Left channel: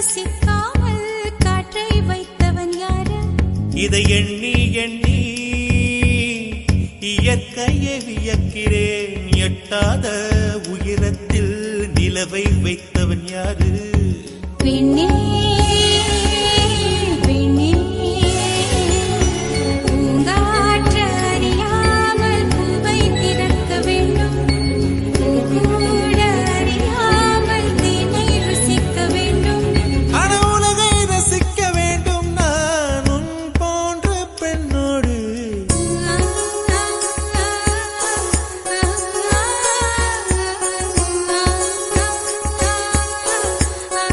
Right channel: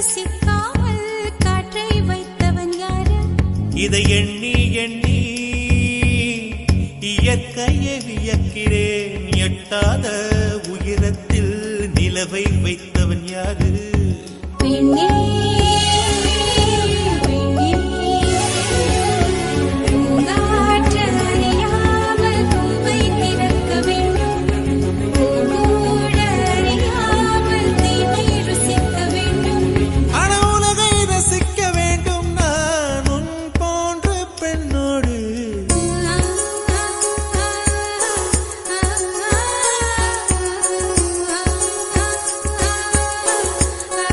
ரசிக்காமல் காற்றை வைத்தவன் யாரு? இதை எண்ணி எண்ணி இயற்கையை வியக்கிறேன். எட்டாத உயரத்தில் நிலவை வைத்தவன் யாரு? பெண்ணே